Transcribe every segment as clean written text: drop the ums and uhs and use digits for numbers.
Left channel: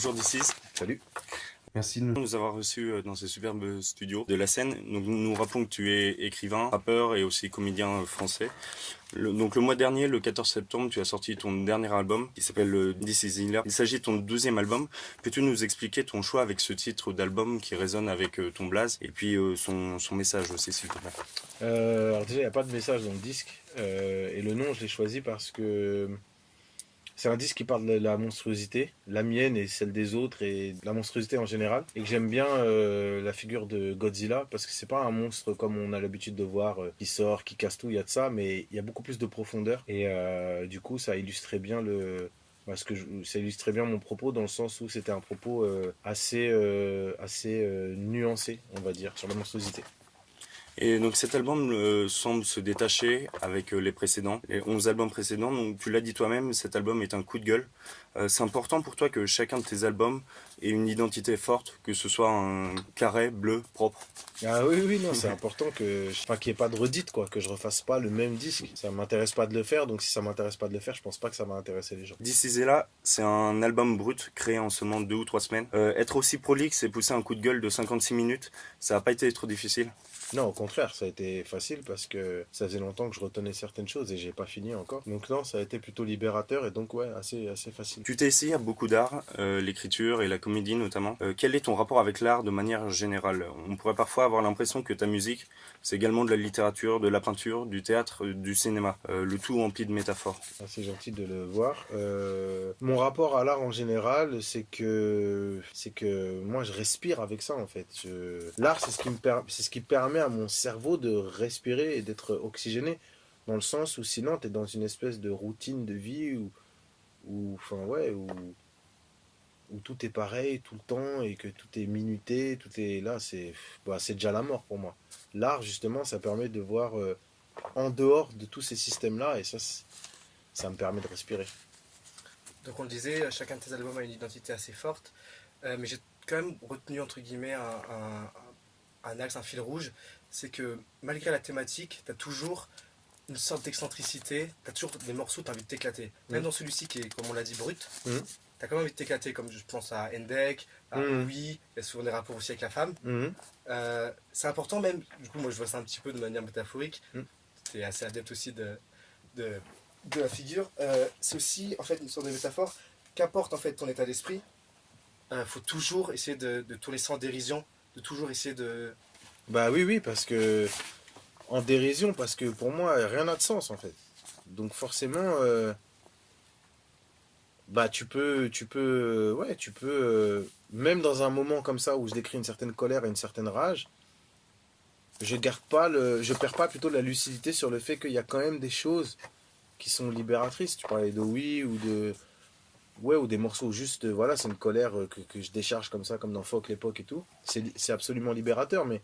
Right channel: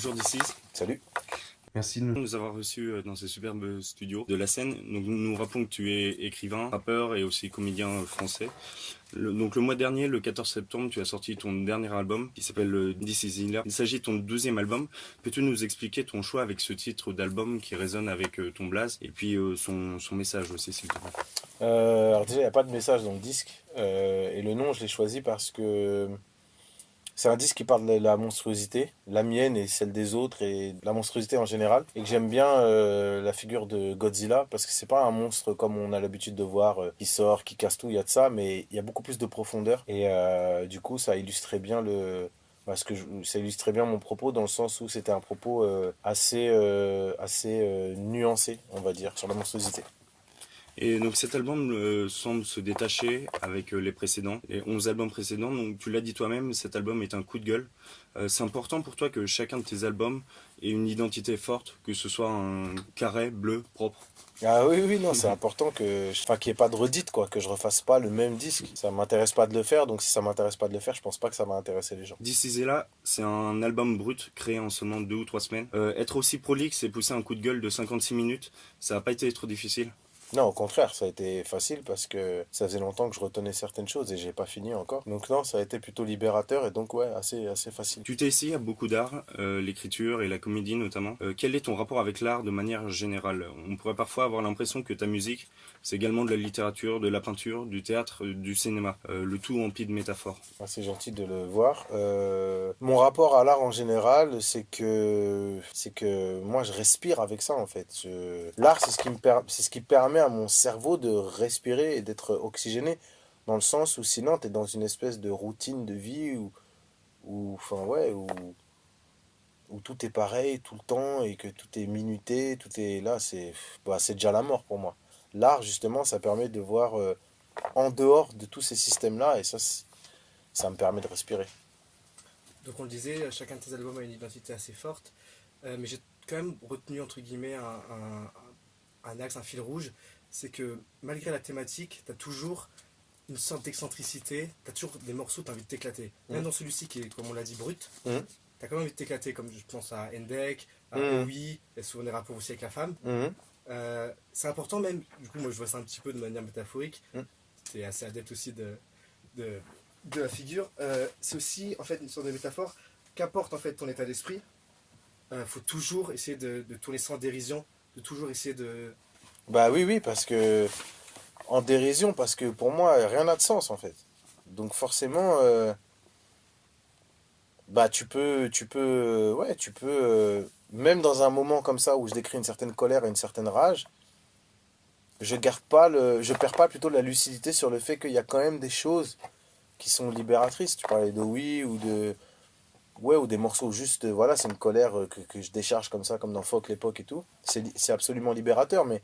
Bonjour DC's. Salut. Merci de Nous avoir reçus dans ce superbe studio de la scène. Donc, nous rappelons que tu es écrivain, rappeur et aussi comédien français. Donc le mois dernier, le 14 septembre, tu as sorti ton dernier album qui s'appelle This Is Healer. Il s'agit de ton 12e album. Peux-tu nous expliquer ton choix avec ce titre d'album qui résonne avec ton blaze et puis son message aussi, s'il te plaît? Alors déjà, il n'y a pas de message dans le disque. Et le nom, je l'ai choisi parce que c'est un disque qui parle de la monstruosité, la mienne et celle des autres, et de la monstruosité en général. Et que j'aime bien la figure de Godzilla, parce que c'est pas un monstre comme on a l'habitude de voir, qui sort, qui casse tout, il y a de ça, mais il y a beaucoup plus de profondeur. Et du coup, ça illustrait bien ça illustrait bien mon propos, dans le sens où c'était un propos assez nuancé, on va dire, sur la monstruosité. Et donc cet album semble se détacher avec les précédents, les 11 albums précédents. Donc tu l'as dit toi-même, cet album est un coup de gueule. C'est important pour toi que chacun de tes albums ait une identité forte, que ce soit un carré bleu propre. Ah oui, oui, non, c'est important qu'il n'y ait pas de redite, quoi, que je refasse pas le même disque. Ça m'intéresse pas de le faire, donc si ça m'intéresse pas de le faire, je pense pas que ça va intéresser les gens. This Is Là, c'est un album brut créé en seulement 2 ou 3 semaines. Être aussi prolixe et pousser un coup de gueule de 56 minutes, ça n'a pas été trop difficile. Non, au contraire, ça a été facile parce que ça faisait longtemps que je retenais certaines choses et j'ai pas fini encore. Donc non, ça a été plutôt libérateur et donc ouais, assez facile. Tu t'es essayé à beaucoup d'art, l'écriture et la comédie notamment. Quel est ton rapport avec l'art de manière générale? On pourrait parfois avoir l'impression que ta musique, c'est également de la littérature, de la peinture, du théâtre, du cinéma. Le tout empli de métaphores. Ah, c'est gentil de le voir. Mon rapport à l'art en général, c'est que moi je respire avec ça en fait. L'art, c'est ce qui permet à mon cerveau de respirer et d'être oxygéné, dans le sens où sinon tu es dans une espèce de routine de vie enfin ouais, où tout est pareil tout le temps et que tout est minuté, tout est là, c'est déjà la mort pour moi. L'art justement, ça permet de voir en dehors de tous ces systèmes-là et ça me permet de respirer. Donc on le disait, chacun de tes albums a une identité assez forte, mais j'ai quand même retenu entre guillemets un axe, un fil rouge, c'est que malgré la thématique, tu as toujours une sorte d'excentricité, tu as toujours des morceaux, tu as envie de t'éclater. Même dans celui-ci qui est, comme on l'a dit, brut, tu as quand même envie de t'éclater, comme je pense à Endek, à Oui, il y a souvent des rapports aussi avec la femme. C'est important même, du coup moi je vois ça un petit peu de manière métaphorique, tu es assez adepte aussi de la figure, c'est aussi en fait une sorte de métaphore. Qu'importe en fait ton état d'esprit, faut toujours essayer de tourner ça en dérision, de toujours essayer de... Bah oui, parce que en dérision, parce que pour moi rien n'a de sens en fait. Donc forcément, bah même dans un moment comme ça où je décris une certaine colère et une certaine rage, je perds pas plutôt la lucidité sur le fait qu'il y a quand même des choses qui sont libératrices. Tu parlais de oui ou des morceaux juste, voilà, c'est une colère que je décharge comme ça, comme dans Fuck l'époque et tout. C'est absolument libérateur, mais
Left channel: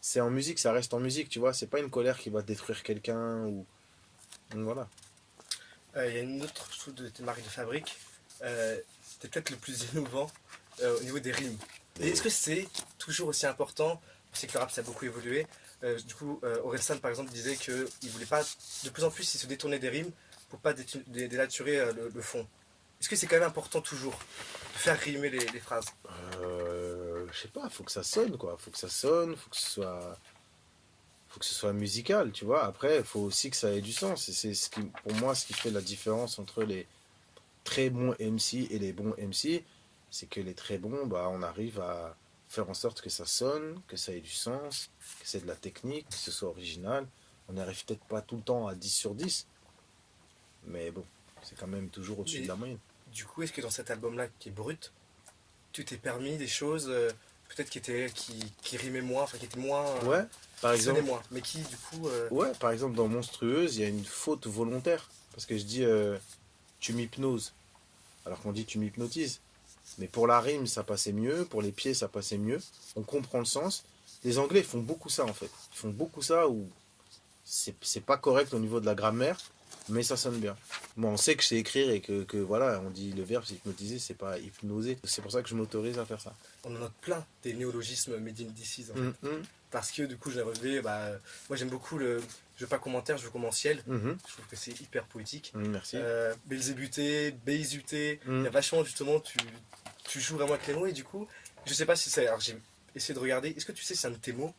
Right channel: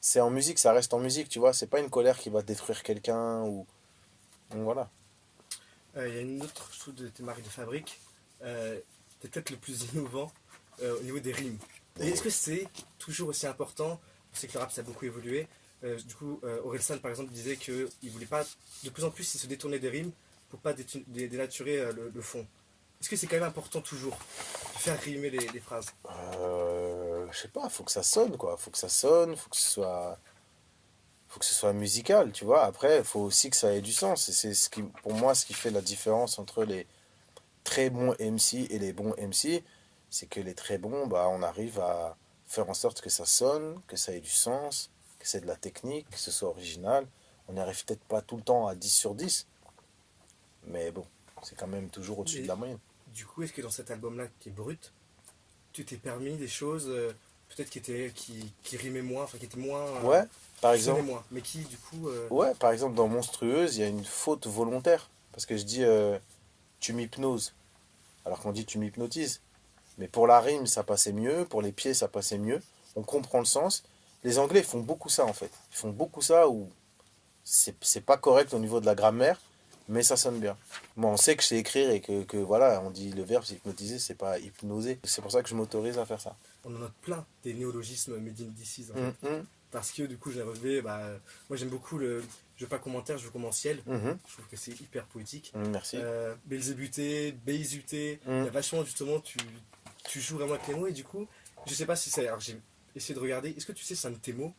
c'est en musique, ça reste en musique, tu vois. C'est pas une colère qui va détruire quelqu'un ou. Donc voilà. Il y a une autre, je trouve, de tes marques de fabrique, c'était peut-être le plus innovant au niveau des rimes. Et est-ce que c'est toujours aussi important? Je sais que le rap ça a beaucoup évolué. Du coup, Orelsan par exemple disait qu'il voulait pas, de plus en plus, il se détournait des rimes pour pas dénaturer le fond. Est-ce que c'est quand même important toujours de faire rimer les phrases? Je sais pas, faut que ça sonne quoi. Faut que ça sonne, faut que ce soit musical, tu vois. Après, il faut aussi que ça ait du sens. Et c'est pour moi, ce qui fait la différence entre les très bons MC et les bons MC, c'est que les très bons, bah, on arrive à faire en sorte que ça sonne, que ça ait du sens, que c'est de la technique, que ce soit original. On n'y arrive peut-être pas tout le temps à 10 sur 10, mais bon, c'est quand même toujours au-dessus Mais de la moyenne. du coup, est-ce que dans cet album-là qui est brut, tu t'es permis des choses peut-être qui rimaient moins, enfin qui étaient moins, Ouais, par qui sonnaient exemple, moins, mais qui du coup, ouais, par exemple dans Monstrueuse, il y a une faute volontaire. Parce que je dis tu m'hypnoses, alors qu'on dit tu m'hypnotises. Mais pour la rime, ça passait mieux, pour les pieds, ça passait mieux. On comprend le sens. Les Anglais font beaucoup ça en fait. Ils font beaucoup ça où c'est pas correct au niveau de la grammaire, mais ça sonne bien. Moi, on sait que je sais écrire et que voilà, on dit le verbe c'est hypnotiser, c'est pas hypnoser. C'est pour ça que je m'autorise à faire ça. on en a plein des néologismes made in DC's en fait. Mhm, Parce que du coup, je l'ai relevé, moi j'aime beaucoup le je veux pas commentaire, je veux commenciel. mhm. Je trouve que c'est hyper poétique. Merci. Belzébuté, Béizuté, il y Mhm. a vachement justement, tu joues vraiment avec les mots et du coup, je sais pas si c'est. Alors j'ai essayé de regarder. Est-ce que tu sais si un de tes mots,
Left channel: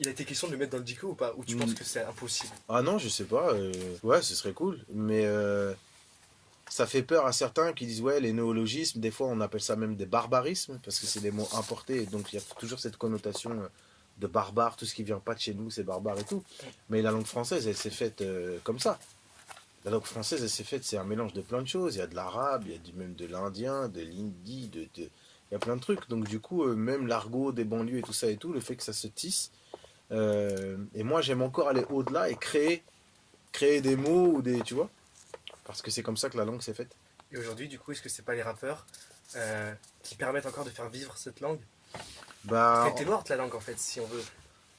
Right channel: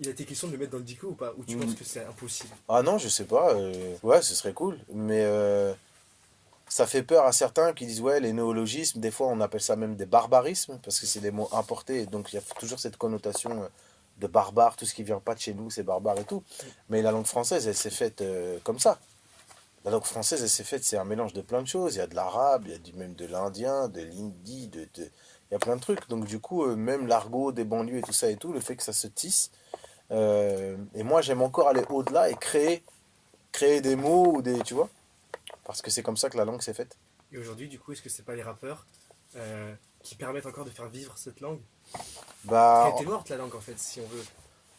il a été question de le mettre dans le dico ou pas? Ou tu penses que c'est impossible? Ah non, je sais pas. Ouais, ce serait cool. Mais ça fait peur à certains qui disent, ouais, les néologismes, des fois on appelle ça même des barbarismes, parce que c'est des mots importés, donc il y a toujours cette connotation de barbare, tout ce qui vient pas de chez nous, c'est barbare et tout. Mais la langue française, elle s'est faite comme ça. La langue française, elle s'est faite, c'est un mélange de plein de choses. Il y a de l'arabe, il y a même de l'indien, de l'hindi, il y a plein de trucs. Donc du coup, même l'argot des banlieues et tout ça et tout, le fait que ça se tisse. Et moi, j'aime encore aller au-delà et créer des mots ou des, tu vois, parce que c'est comme ça que la langue s'est faite. Et aujourd'hui, du coup, est-ce que c'est pas les rappeurs qui permettent encore de faire vivre cette langue? Parce Bah, qu'elle était morte la langue en fait, si on veut.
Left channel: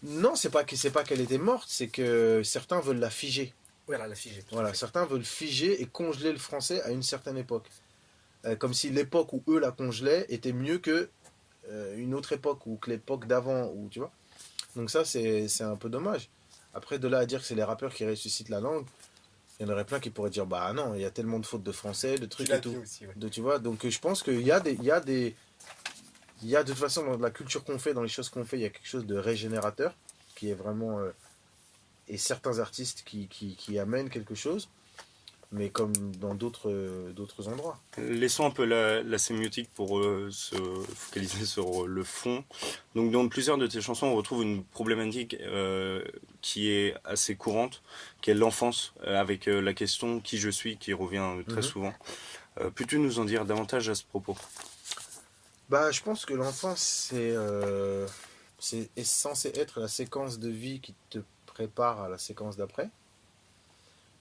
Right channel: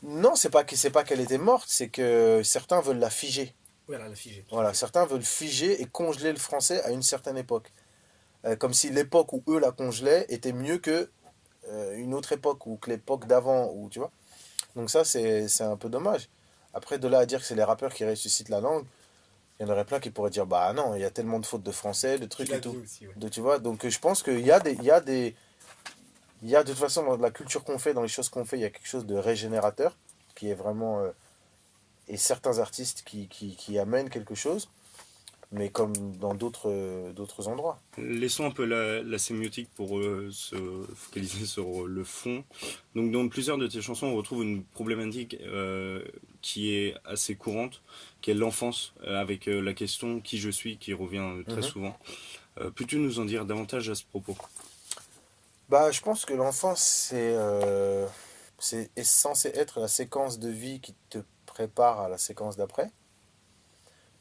non, c'est pas qu'elle était morte, c'est que certains veulent la figer. Voilà, la figée, tout à Voilà, fait. certains veulent figer et congeler le français à une certaine époque. Comme si l'époque où eux la congelaient était mieux que une autre époque ou que l'époque d'avant, ou tu vois. Donc ça, c'est un peu dommage. Après, de là à dire que c'est les rappeurs qui ressuscitent la langue, il y en aurait plein qui pourraient dire, bah non, il y a tellement de fautes de français, de Tu trucs l'as et dit tout. aussi, ouais. Tu vois, donc je pense il y a de toute façon dans la culture qu'on fait, dans les choses qu'on fait, il y a quelque chose de régénérateur qui est vraiment et certains artistes qui amènent quelque chose, mais comme dans d'autres endroits. Laissons un peu la sémiotique pour se focaliser sur le fond. Donc dans plusieurs de tes chansons, on retrouve une problématique qui est assez courante, qui est l'enfance, avec la question qui je suis, qui revient très Mhm. souvent. Peux-tu nous en dire davantage à ce propos? Bah, je pense que l'enfance, est censé être la séquence de vie qui te prépare à la séquence d'après.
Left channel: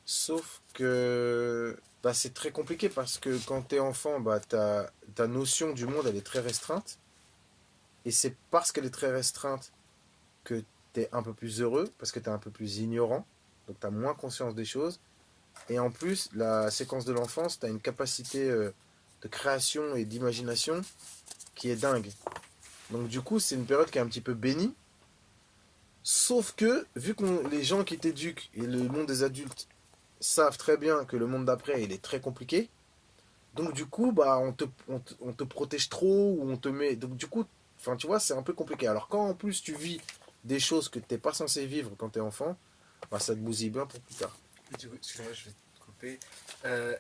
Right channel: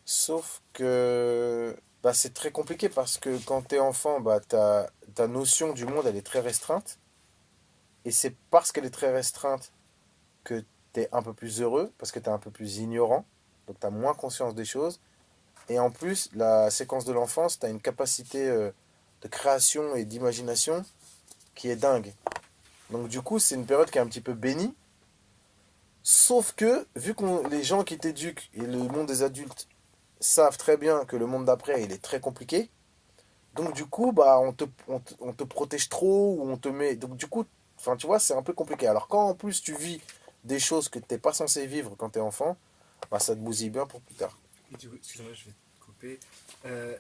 Sauf que bah, c'est très compliqué parce que quand t'es enfant, bah, ta notion du monde, elle est très restreinte. Et c'est parce qu'elle est très restreinte que t'es un peu plus heureux, parce que t'es un peu plus ignorant. Donc t'as moins conscience des choses. Et en plus, la séquence de l'enfance, t'as une capacité de création et d'imagination qui est dingue. Donc du coup, c'est une période qui est un petit peu bénie. Sauf que, vu que les gens qui t'éduquent et le monde des adultes savent très bien que le monde d'après, il est très compliqué, donc du coup, bah, on te protège trop, ou on te met... Donc du coup, enfin, tu vois, c'est un peu compliqué. Alors quand en plus tu vis des choses que t'es pas censé vivre quand t'es enfant, bah, ça te bousille bien pour plus tard. Et du coup, excuse-moi, je vais te couper.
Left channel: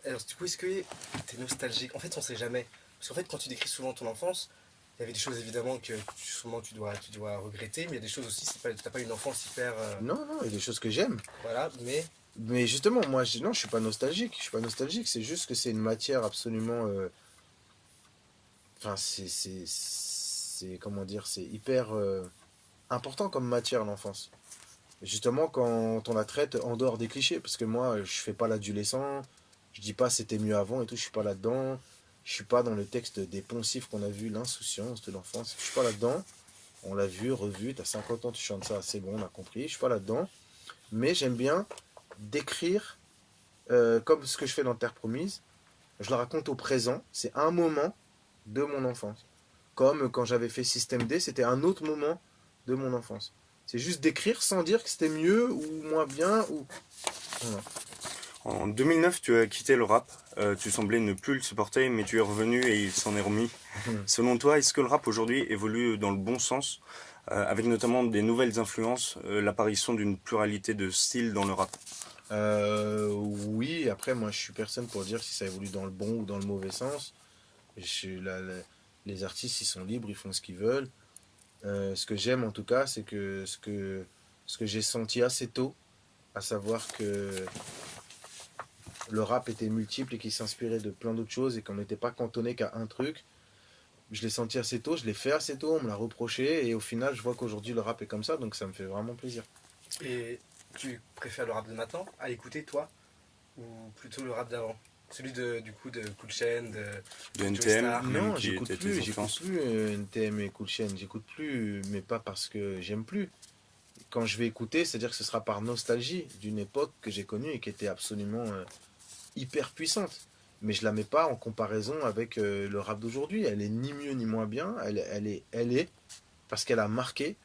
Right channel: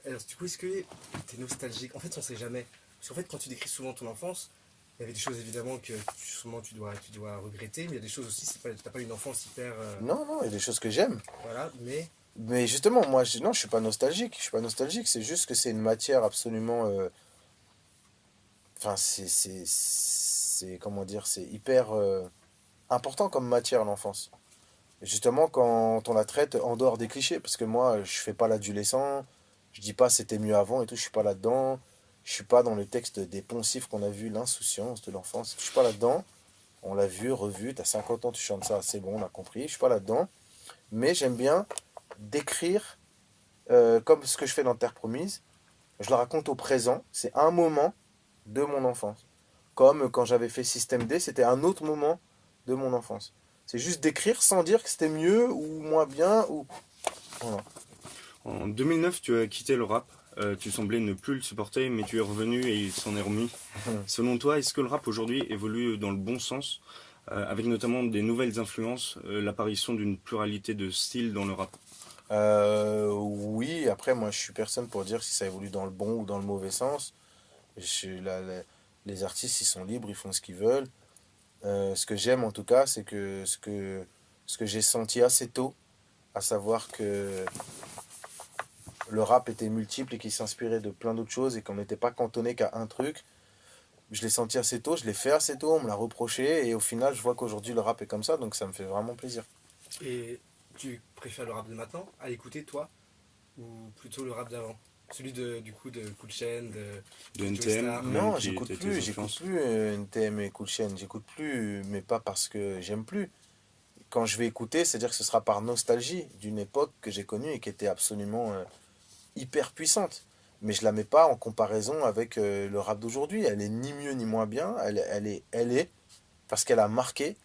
Alors, du coup, est-ce que t'es nostalgique? En fait, on sait jamais. Parce qu'en fait, quand tu décris souvent ton enfance, il y avait des choses évidemment que souvent tu dois regretter, mais il y a des choses aussi, c'est pas, t'as pas une enfance hyper. Non, non, il y a des choses que j'aime. Voilà, mais. Mais justement, moi, non, je suis pas nostalgique. Je suis pas nostalgique, c'est juste que c'est une matière absolument... Enfin, comment dire, c'est hyper important comme matière, l'enfance. Justement, quand on la traite en dehors des clichés, parce que moi, je fais pas l'adolescent, je dis pas c'était mieux avant et tout, je suis pas là-dedans. Je suis pas dans le texte des poncifs qu'on a vu, l'insouciance de l'enfance. Je suis pas là-dedans. On l'a vu, revu, t'as 50 ans, tu chantes ça, c'est bon, on a compris. Je suis pas là-dedans. Mais j'aime bien décrire, comme ce que je fais dans Terre Promise. Je le raconte au présent. C'est un moment de mon enfance. Comme quand j'avais fait Système D, c'était un autre moment de mon enfance. C'est juste d'écrire sans dire que c'était mieux ou moins bien. Ou... Voilà. En 2009, tu as quitté le rap. Tu semblais ne plus le supporter, mais tu es revenu et il s'en est remis. Selon toi, est-ce que le rap aujourd'hui évolue dans le bon sens, avec notamment des nouvelles influences, l'apparition d'une pluralité de styles dans le rap? Oui, après, moi, je suis personne pour dire si ça évolue dans le bon ou dans le mauvais sens. Les artistes, ils sont libres, ils font ce qu'ils veulent. Ce que j'aime, en tout cas, c'est que ce que j'ai senti assez tôt, à savoir que le rap était multiple et qu'il s'inspirait de plein d'autres choses et qu'on n'était pas cantonné qu'à un truc. Je l'ai senti assez tôt, je l'ai fait assez tôt, on me l'a reproché et au final, je vois qu'aujourd'hui, le rap est comme ça, donc ça me fait vraiment plaisir. Et tu préfères le rap de maintenant à l'écouter, toi? Ou plutôt le rap d'avant? Celui du coup de Cool Chain, De de Joey NTM, Star. même Non, qui étaient tes j'écoute influences. plus NTM et Cool Chain, j'écoute plus, mais pas parce que j'aime plus. Quand je vais écouter, c'est-à-dire que ce sera par nostalgie d'une époque que j'ai connue et qui était absolument hyper puissante. Mais je la mets pas en comparaison avec le rap d'aujourd'hui. Elle est ni mieux ni moins bien, elle est parce qu'elle a marqué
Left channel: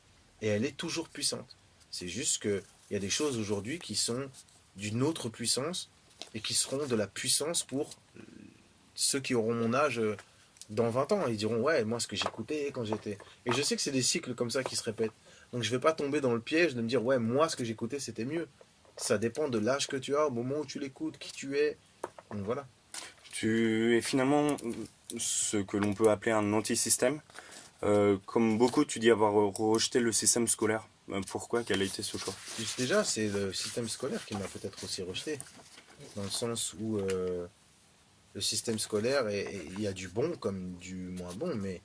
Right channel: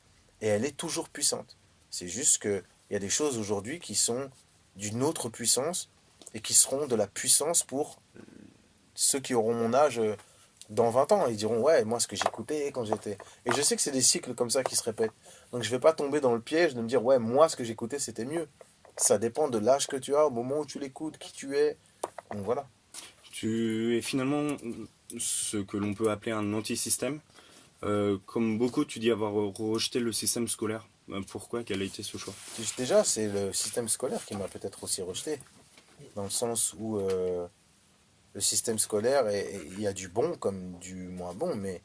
et elle est toujours puissante. C'est juste que il y a des choses aujourd'hui qui sont d'une autre puissance et qui seront de la puissance pour ceux qui auront mon âge Dans 20 ans, ils diront, ouais, moi, ce que j'écoutais quand j'étais. Et je sais que c'est des cycles comme ça qui se répètent. Donc, je vais pas tomber dans le piège de me dire, ouais, moi, ce que j'écoutais, c'était mieux. Ça dépend de l'âge que tu as, au moment où tu l'écoutes, qui tu es. Donc, voilà. Tu es finalement ce que l'on peut appeler un anti-système. Comme beaucoup, tu dis avoir rejeté le système scolaire. Pourquoi? Quel a été ce choix? Déjà, c'est le système scolaire qui m'a peut-être aussi rejeté. Dans le sens où le système scolaire, il y a du bon comme du moins bon, mais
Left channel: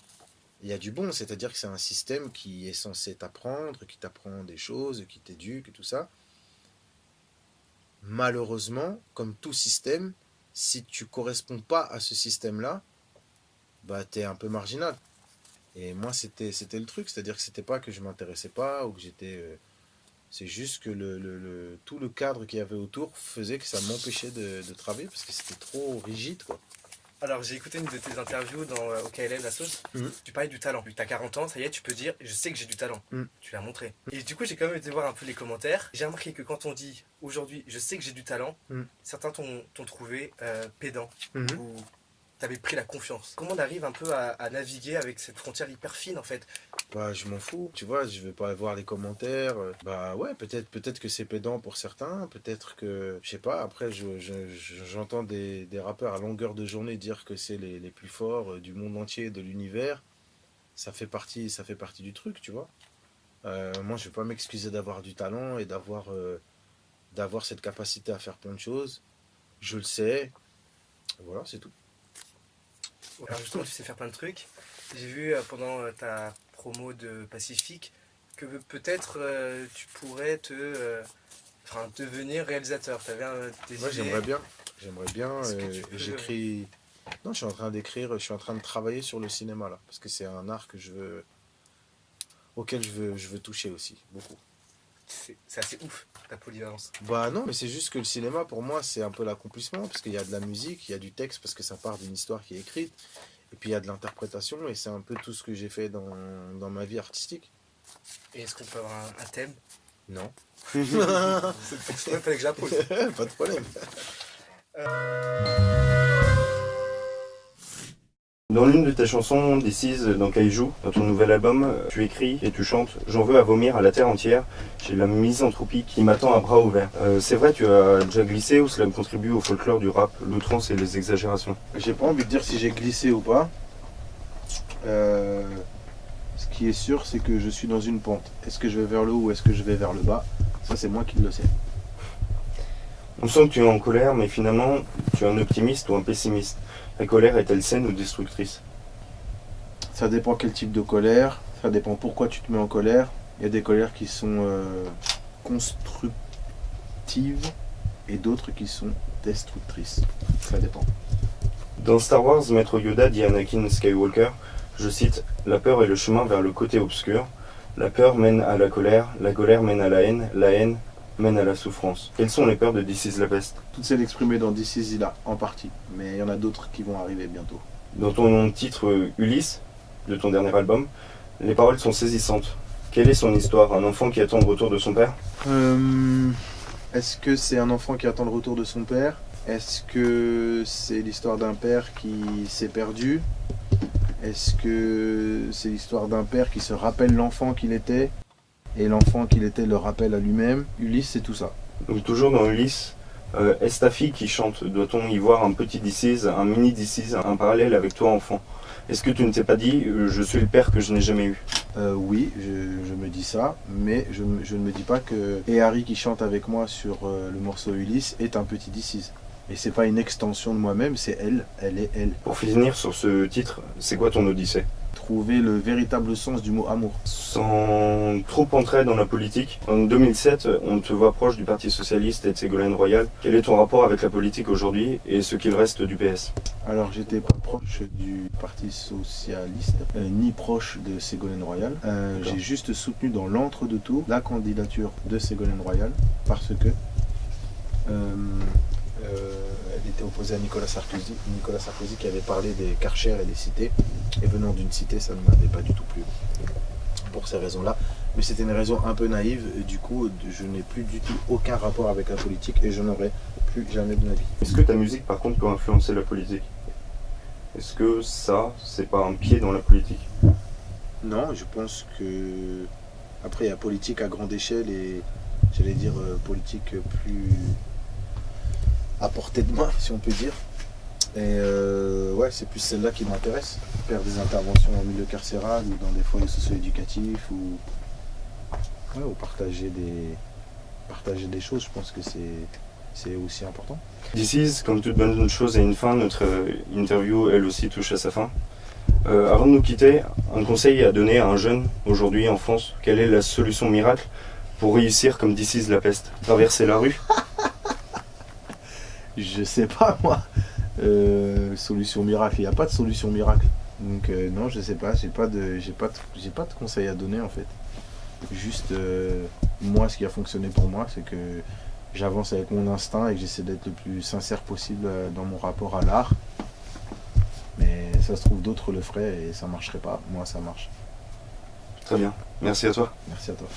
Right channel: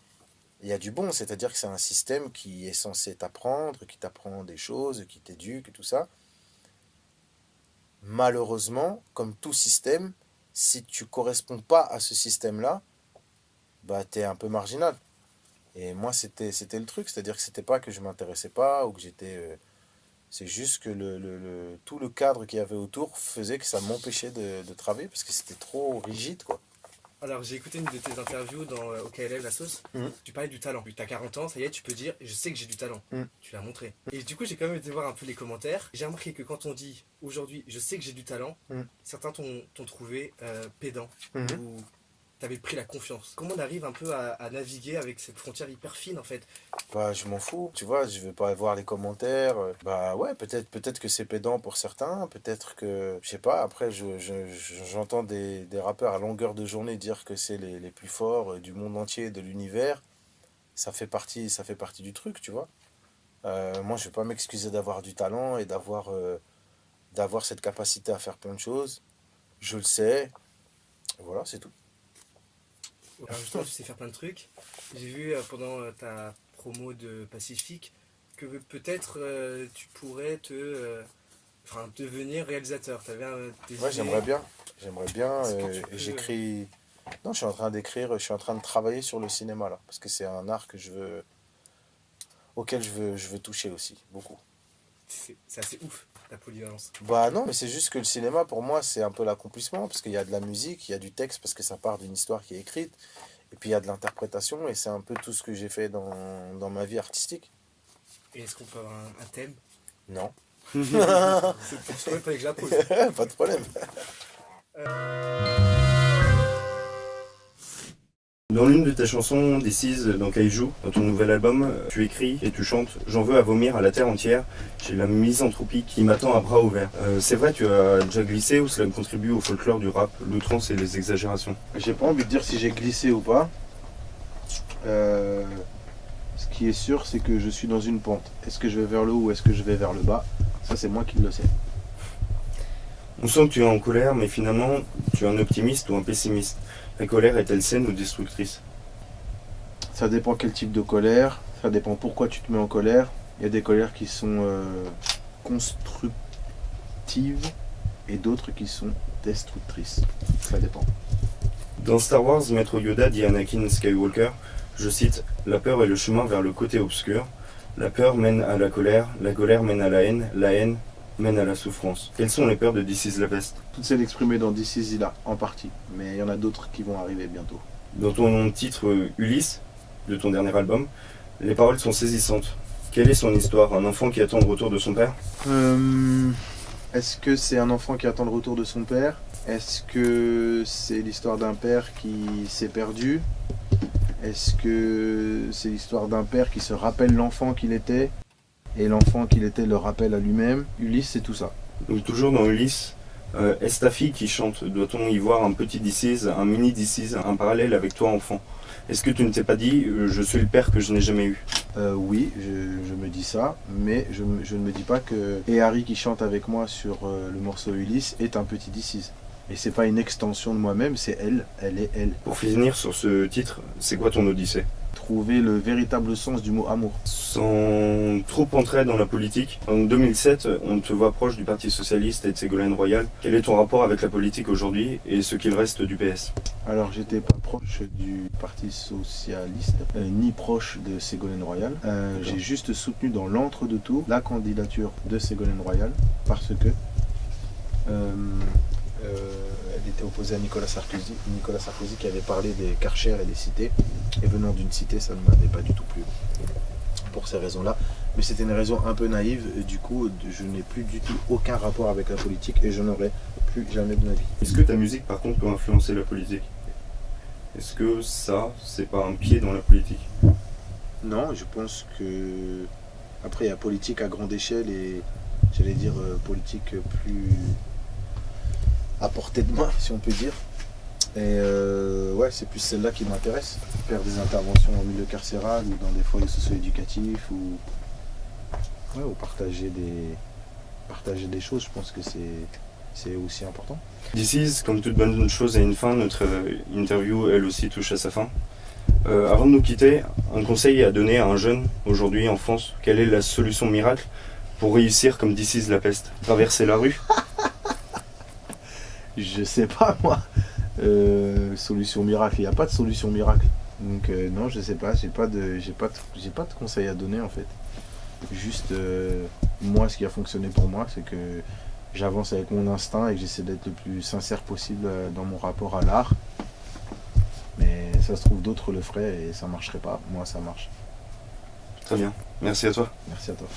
il y a du bon, c'est-à-dire que c'est un système qui est censé t'apprendre, qui t'apprend des choses, qui t'éduque et tout ça. Malheureusement, comme tout système, si tu corresponds pas à ce système-là, bah t'es un peu marginal. Et moi, c'était le truc, c'est-à-dire que c'était pas que je m'intéressais pas ou que j'étais. C'est juste que tout le cadre qu'il y avait autour faisait que ça m'empêchait de travailler parce que c'était trop rigide, quoi. Alors, j'ai écouté une de tes interviews dans OKLM, la sauce. Mhm. Tu parlais du talent. Tu as 40 ans, ça y est, tu peux dire, je sais que j'ai du talent. Mhm. Tu l'as montré. Et du coup, j'ai quand même été voir un peu les commentaires. J'ai remarqué que quand on dit, aujourd'hui, je sais que j'ai du talent, certains t'ont trouvé pédant. Ou t'avais pris la confiance. Comment on arrive un peu à naviguer avec cette frontière hyper fine, en fait? Bah, je m'en fous, tu vois, je veux pas voir les commentaires. Bah ouais, peut-être que c'est pédant pour certains, peut-être que, je sais pas, après j'entends des rappeurs à longueur de journée dire que c'est les plus forts du monde entier, de l'univers. Ça fait partie du truc, tu vois. Moi, je vais pas m'excuser d'avoir du talent et d'avoir cette capacité à faire plein de choses. Je le sais, voilà, c'est tout. Alors justement, tu sais faire plein de trucs. J'ai vu pendant ta promo de Pacifique que peut-être tu pourrais devenir réalisateur. Tu avais des Ouais, idées. J'aimerais bien. Est-ce que tu peux- J'écris. Non, je suis en train d'écrire, je suis en train de travailler sur le cinéma là, parce que c'est un art auquel je veux toucher aussi, beaucoup. C'est assez ouf, ta polyvalence. Bah non, mais c'est juste que le cinéma pour moi c'est un peu l'accomplissement, parce qu'il y a de la musique, il y a du texte, parce que ça part d'une histoire qui est écrite, et puis il y a de l'interprétation, et c'est un peu tout ce que j'ai fait dans ma vie artistique. Et est-ce qu'on peut avoir un thème? Non, C'est pour ça qu'il fallait que j'appose. pas de problème. Dans l'une de tes chansons, This Is, dans Kaiju, dans ton nouvel album, tu écris et tu chantes J'en veux à vomir à la terre entière, j'ai la misanthropie qui m'attend à bras ouverts. C'est vrai, tu as déjà glissé ou cela contribue au folklore du rap, l'outrance et les exagérations? J'ai pas envie de dire si j'ai glissé ou pas. Ce qui est sûr, c'est que je suis dans une pente. Est-ce que je vais vers le haut ou est-ce que je vais vers le bas? Ça, c'est moi qui le sais. On sent que tu es en colère, mais finalement, tu es un optimiste ou un pessimiste. La colère est-elle saine ou destructrice? Ça dépend quel type de colère, ça dépend pourquoi tu te mets en colère. Il y a des colères qui sont constructives et d'autres qui sont destructrices. Ça dépend. Dans Star Wars, Maître Yoda dit à Anakin Skywalker, je cite, la peur est le chemin vers le côté obscur. La peur mène à la colère mène à la haine mène à la souffrance. Quelles sont les peurs de This Is la peste? Toutes celles exprimées dans This Is là, en partie. Mais il y en a d'autres qui vont arriver bientôt. Dans ton titre Ulysse, de ton dernier album, les paroles sont saisissantes. Quelle est son histoire? Un enfant qui attend le retour de son père? Est-ce que c'est un enfant qui attend le retour de son père? Est-ce que c'est l'histoire d'un père qui s'est perdu? Est-ce que c'est l'histoire d'un père qui se rappelle l'enfant qu'il était et l'enfant qu'il était le rappelle à lui-même? Ulysse, c'est tout ça. Donc toujours dans Ulysse, est-ce ta fille qui chante? Doit-on y voir un petit This Is, un mini This Is, un parallèle avec toi enfant? Est-ce que tu ne t'es pas dit je suis le père que je n'ai jamais eu? Oui, je me dis ça, mais je ne me dis pas que et Harry qui chante avec moi sur le morceau Ulysse est un petit This Is. Et c'est pas une extension de moi-même, c'est elle est elle. Pour finir sur ce titre, c'est quoi ton odyssée? Trouver le véritable sens du mot amour. Sans trop entrer dans la politique, en 2007, on te voit proche du Parti Socialiste et de Ségolène Royal. Quel est ton rapport avec la politique aujourd'hui et ce qu'il reste du PS? Alors j'étais pas proche du Parti Socialiste, ni proche de Ségolène Royal. J'ai juste soutenu dans l'entre-deux-tours la candidature de Ségolène Royal parce que elle était opposée à Nicolas Sarkozy. Nicolas Sarkozy qui avait parlé des Karcher et des cités. Et venant d'une cité, ça ne m'avait pas du tout plu. Pour ces raisons-là. Mais c'était une raison un peu naïve. Et du coup, je n'ai plus du tout aucun rapport avec la politique et je n'aurai plus jamais de ma vie. Est-ce que ta musique, par contre, peut influencer la politique? Est-ce que ça, c'est pas un pied dans la politique? Non, je pense que. Après, il y a politique à grande échelle et j'allais dire politique plus à portée de main, si on peut dire. Et ouais, c'est plus celle-là qui m'intéresse. Faire des interventions en milieu carcéral ou dans des foyers socio-éducatifs ou partager des choses, je pense que c'est aussi important. This is, comme toute bonne chose a une fin, notre interview elle aussi touche à sa fin. Avant de nous quitter, un conseil à donner à un jeune aujourd'hui en France, quelle est la solution miracle pour réussir comme This is la peste? Traverser la rue? Je sais pas moi. Solution miracle, il n'y a pas de solution miracle. Donc non, je sais pas, j'ai pas de conseils à donner en fait. Juste moi, ce qui a fonctionné pour moi, c'est que j'avance avec mon instinct et que j'essaie d'être le plus sincère possible dans mon rapport à l'art. Mais ça se trouve d'autres le feraient et ça marcherait pas. Moi, ça marche. Très bien, merci à toi. Merci à toi.